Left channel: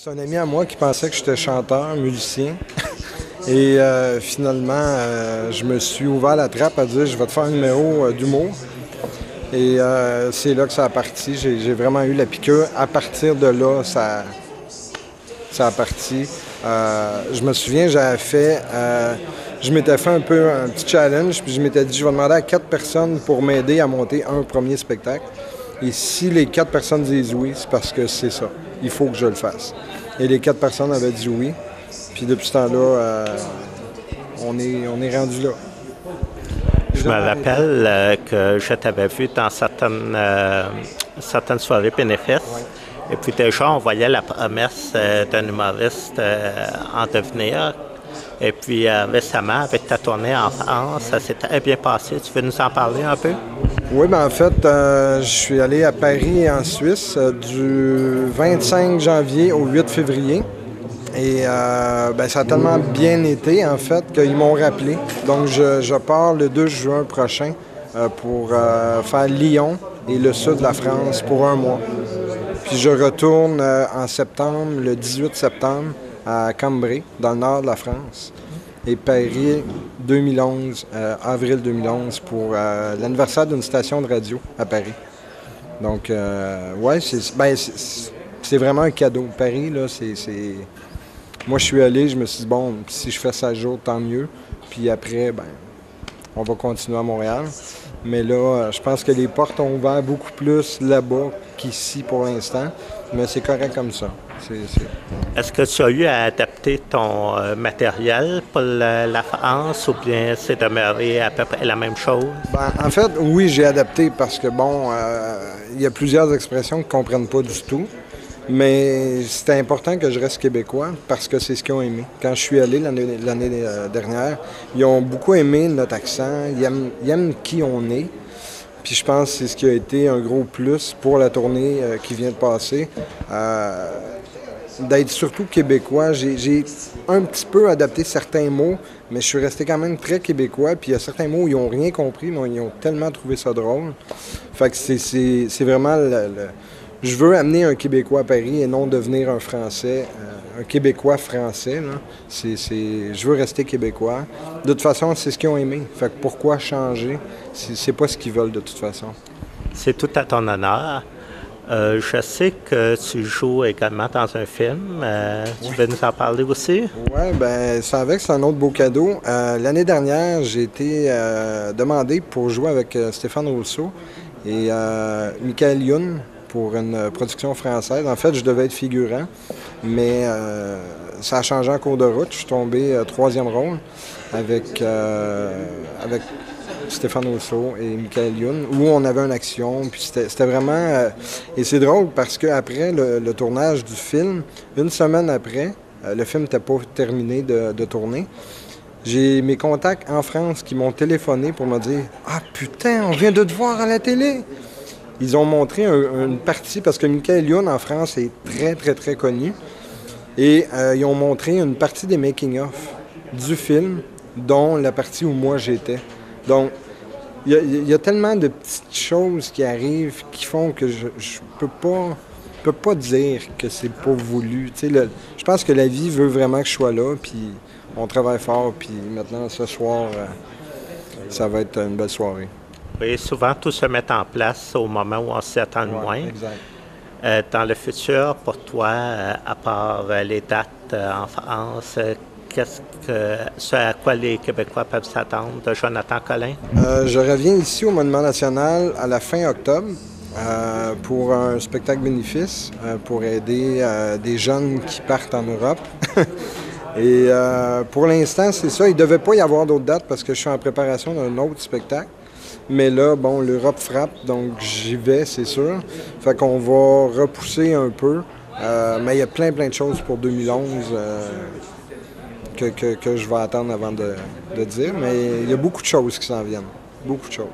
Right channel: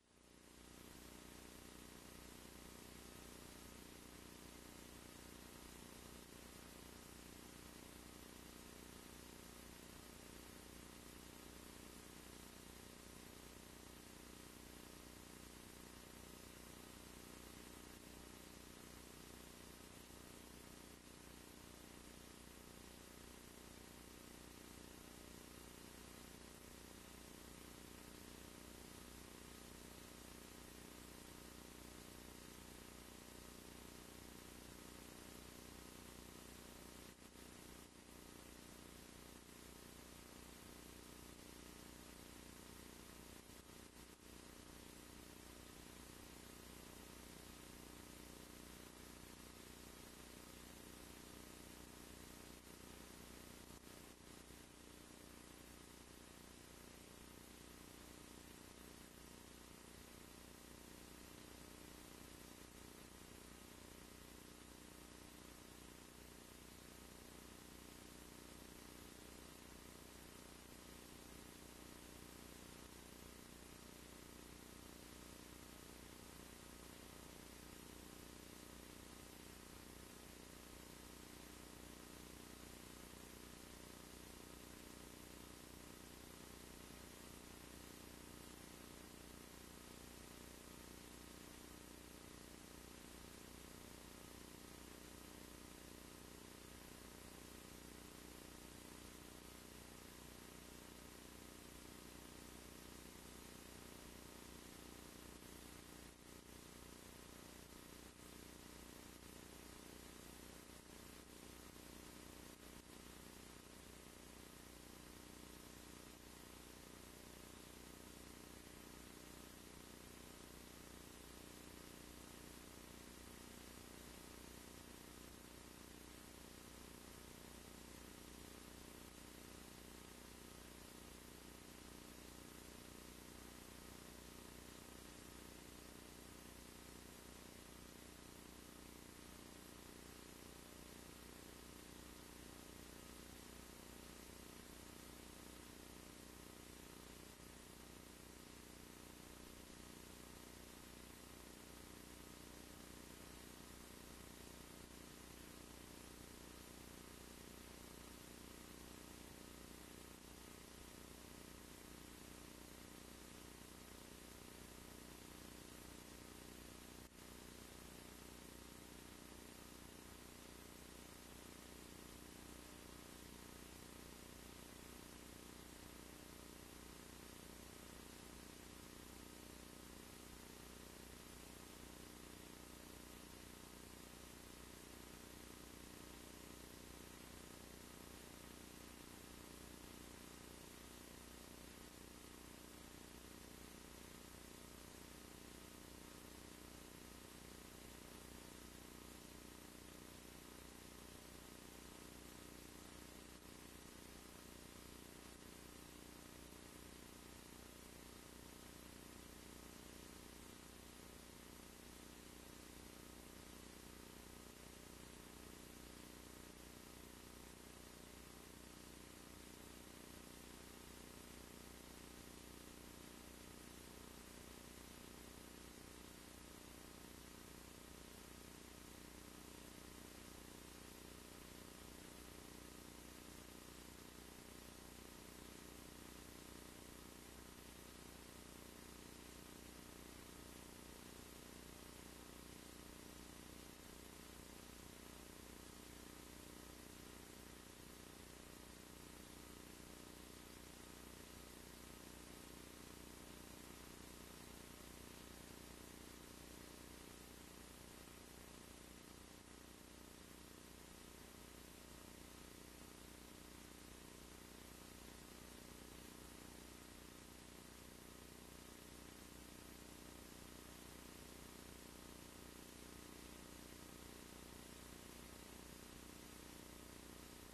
C'est un ami à moi qui pensait que j'étais chanteur, musicien. Et finalement, je me suis ouvert la trappe à dire je vais te faire un numéro d'humour. Et c'est là que ça a parti. J'ai vraiment eu la piqûre. À partir de là, ça a parti. Je me souviens, je m'étais fait un peu un petit challenge, puis je m'étais dit je vais demander à 4 personnes pour m'aider à monter un premier spectacle. Et si les 4 personnes disent oui, c'est parce que c'est ça. Il faut que je le fasse. Et les 4 personnes avaient dit oui. Puis depuis ce temps-là, on est rendu là. Je me rappelle que je t'avais vu dans certaines soirées bénéfices. Ouais. Et puis déjà, on voyait la promesse d'un humoriste en devenir. Et puis récemment, avec ta tournée en France, ça s'est très bien passé. Tu veux nous en parler un peu? Oui, bien en fait, je suis allé à Paris, en Suisse, du 25 janvier au 8 février. Et ça a tellement bien été, en fait, qu'ils m'ont rappelé. Donc, je pars le 2 juin prochain pour faire Lyon et le sud de la France pour un mois. Puis je retourne en septembre, le 18 septembre, à Cambrai, dans le nord de la France. Et Paris, 2011, avril 2011, pour l'anniversaire d'une station de radio à Paris. Donc, ouais, c'est vraiment un cadeau. Paris, là, c'est... Moi, je suis allé, je me suis dit, bon, si je fais 16 jours, tant mieux. Puis après, on va continuer à Montréal. Mais là, je pense que les portes ont ouvert beaucoup plus là-bas qu'ici pour l'instant. Mais c'est correct comme ça. Est-ce que tu as eu à adapter ton matériel pour la France ou bien c'est demeuré à peu près la même chose? En fait, oui, j'ai adapté parce que, il y a plusieurs expressions qu'ils ne comprennent pas du tout. Mais c'était important que je reste québécois parce que c'est ce qu'ils ont aimé. Quand je suis allé l'année dernière, ils ont beaucoup aimé notre accent, ils aiment qui on est. Puis je pense que c'est ce qui a été un gros plus pour la tournée qui vient de passer. D'être surtout québécois. J'ai un petit peu adapté certains mots, mais je suis resté quand même très québécois. Puis il y a certains mots où ils n'ont rien compris, mais ils ont tellement trouvé ça drôle. Fait que c'est vraiment je veux amener un Québécois à Paris et non devenir un Français, un Québécois français. Là. Je veux rester Québécois. De toute façon, c'est ce qu'ils ont aimé. Fait que pourquoi changer? C'est pas ce qu'ils veulent de toute façon. C'est tout à ton honneur. Je sais que tu joues également dans un film. Tu veux nous en parler aussi? Oui, c'est un autre beau cadeau. L'année dernière, j'ai été demandé pour jouer avec Stéphane Rousseau et Michael Youn pour une production française. En fait, je devais être figurant, mais ça a changé en cours de route. Je suis tombé troisième rôle avec Stéphane Rousseau et Michael Youn, où on avait une action. Puis c'était vraiment... et c'est drôle parce qu'après le tournage du film, une semaine après, le film n'était pas terminé de tourner, j'ai mes contacts en France qui m'ont téléphoné pour me dire « Ah putain, on vient de te voir à la télé! » Ils ont montré une partie, parce que Michael Youn en France est très, très, très connu. Et ils ont montré une partie des making-of du film, dont la partie où moi j'étais. Donc, il y a tellement de petites choses qui arrivent qui font que je peux pas dire que c'est pas voulu. Je pense que la vie veut vraiment que je sois là, puis on travaille fort, puis maintenant, ce soir, ça va être une belle soirée. Oui, souvent, tout se met en place au moment où on s'y attend le moins. Exact. Dans le futur, pour toi, à part les dates en France, ce à quoi les Québécois peuvent s'attendre de Jonathan Collin? Je reviens ici au Monument national à la fin octobre pour un spectacle bénéfice pour aider des jeunes qui partent en Europe. Et pour l'instant, c'est ça. Il ne devait pas y avoir d'autres dates parce que je suis en préparation d'un autre spectacle. Mais là, l'Europe frappe, donc j'y vais, c'est sûr. Fait qu'on va repousser un peu. Mais il y a plein de choses pour 2011 que je vais attendre avant de dire. Mais il y a beaucoup de choses qui s'en viennent. Beaucoup de choses.